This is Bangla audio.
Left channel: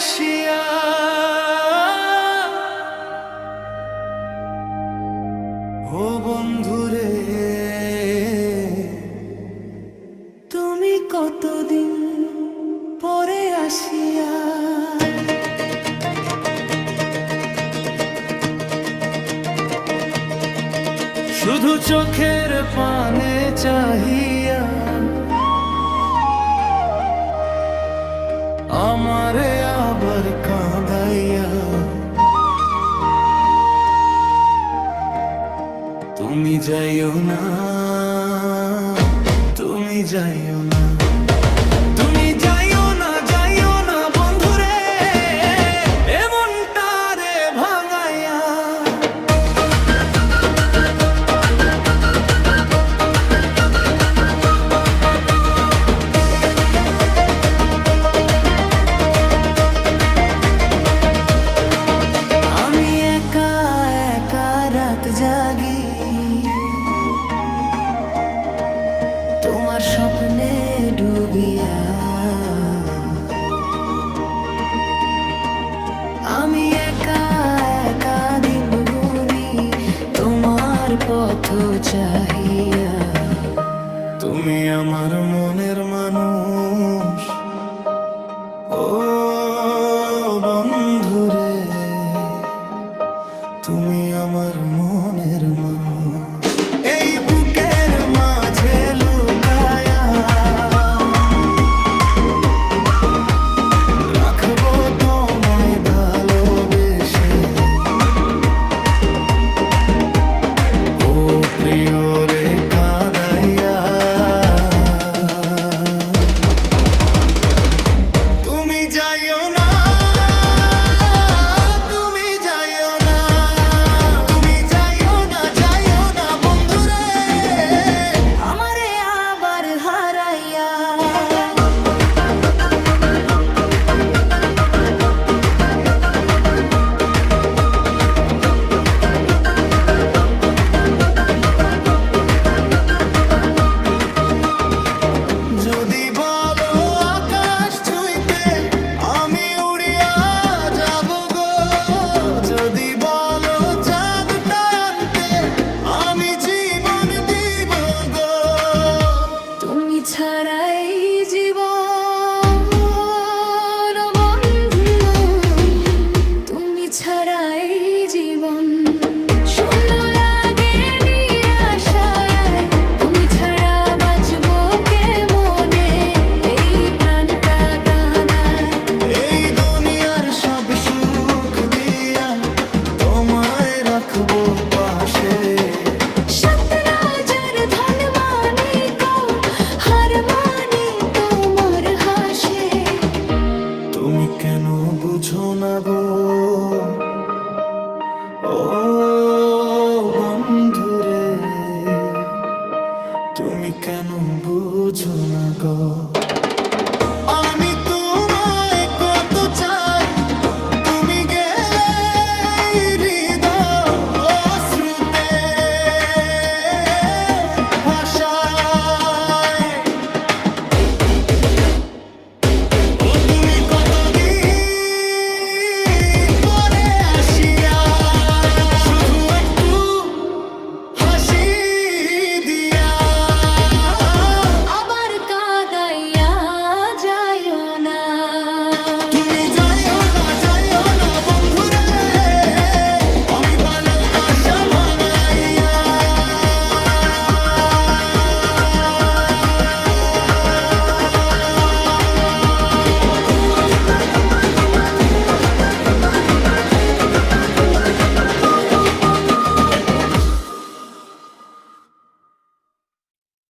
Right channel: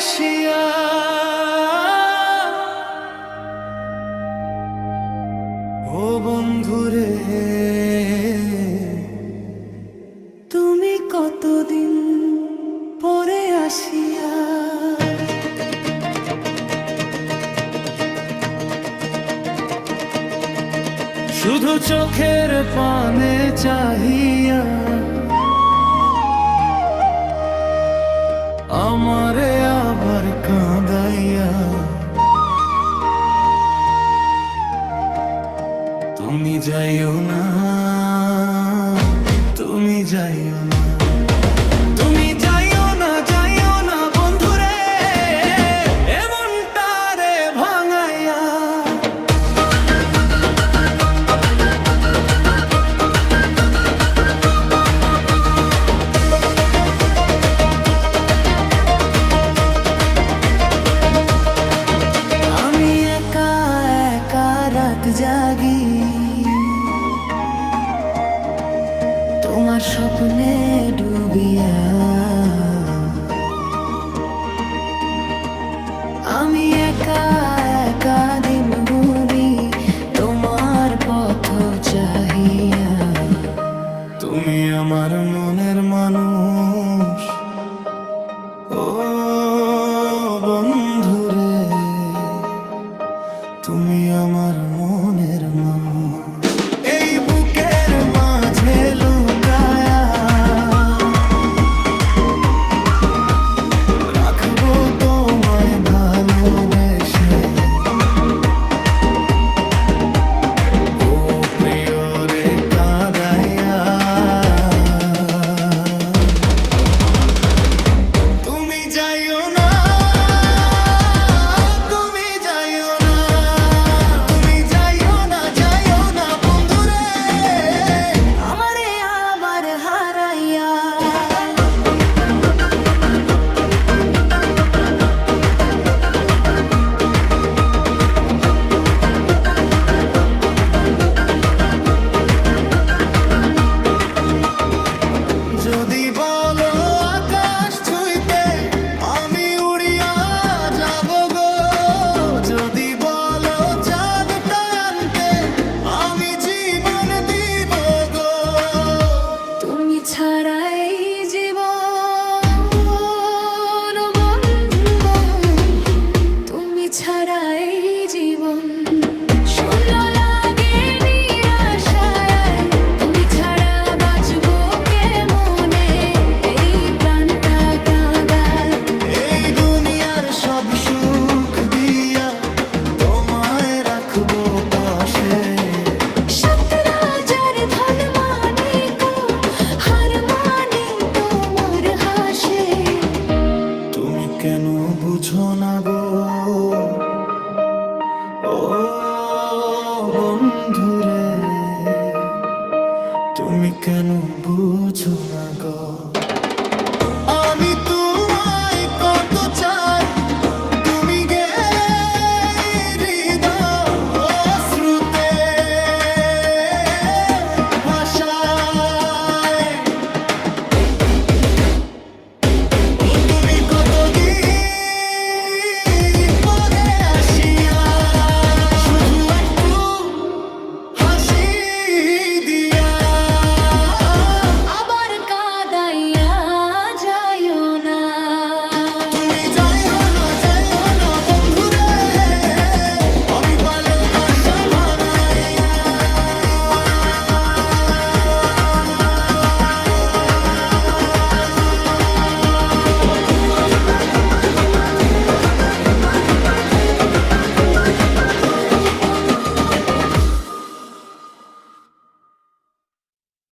আসিয়া ও বন্ধুরে তুমি কতদিন পরে আসিয়া শুধু চোখের পানে চাহিয়া আমারে আবার কাঁদাইয়া তুমি যাইও না, তুমি যাইও না, তুমি যাইও না, যাইও না বন্ধুরে এমনটা রে ভাঙাইয়া। আমি একা একা রাত জাগি তোমার স্বপ্নে ডুবিয়া, আমি একা একা দিন গুনি তোমার পথ চাহিয়া। তুমি আমার মনের মানুষ ও বন্ধুরে, তুমি আমার মনের মানুষ। এই বুকের মাঝে লুকায়া রাখবো তোমায় ভালোবেসে, ও প্রিয় রে কাঁদাইয়া। তুমি যাইও না, তুমি যাইও না, তুমি যাইও না, যাইও না বন্ধুরে আমারে আবার হারাইয়া। যদি বলো আকাশ ছুঁইতে আমি উড়িয়া যাব গো, যদি বলো চাঁদটা আনতে আমি জীবন দিব গো। তুমি ছাড়াই জীবন বন্ধু, তুমি ছাড়াই জীবন শূন্য লাগে নিরাশায়, তুমি ছাড়া বাঁচবো কেমনে এই প্রাণটা কাঁদায়। এই দুনিয়ার সব সুখ দিয়া তোমায় রাখবো পাশে, সাত রাজার ধন মানিক হার মানে তোমার হাসে। তুমি কেন বুঝো না গো ও বন্ধুরে, তুমি কেন বুঝো না গো। আমি তোমায় কত চাই, তুমি গেলে হৃদয় অশ্রুতে ভাষা